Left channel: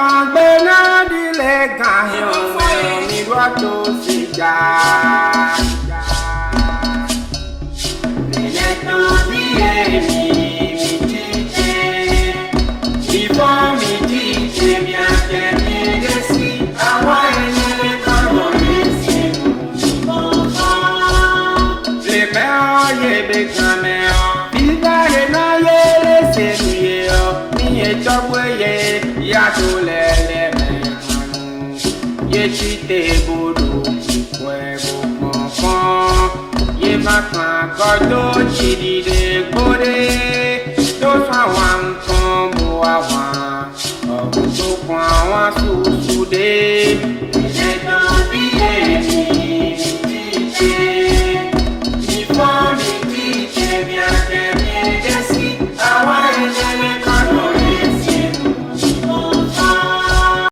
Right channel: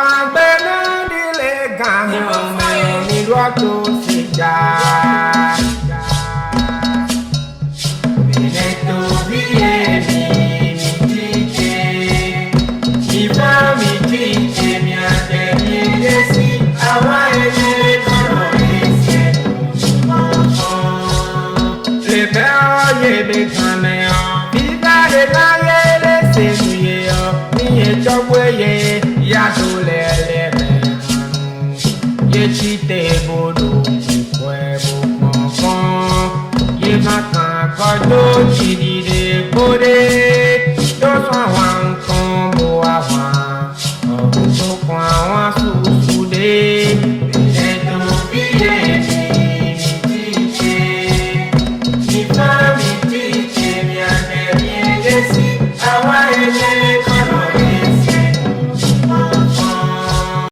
pàgbẹ́nà dílé gàhìn mẹ́rin nílùú àtòsíjà. Ilé tó bí èmi mi jíjẹ, ìfọ́ mi jíjẹ mi àtẹ̀mí dé sí àwọn ẹlẹ́rìí kọ́rọ̀ èsì ìmọ̀ọ́kan. Lè bẹ́ ọ yé bẹ́ kan mẹ́ ọ, bíbá lè náà yé lè ṣe nu yé ọ, ní ẹjọ́ gbé yé yàtọ̀ lẹ́lẹ́mẹ̀ẹ́nu. Yé tí tẹ̀ bọ́dọ̀ ìkọ́ ẹ̀ bọ̀ pọ̀npọ̀n. Yé má kàn kọ́dọ̀ jìdìdè gbòdè. Tó sọ àwọn nǹkan bò àwọn ọ̀hún tó kàn àwọn sùsù dé. Ilé tó bí èmi.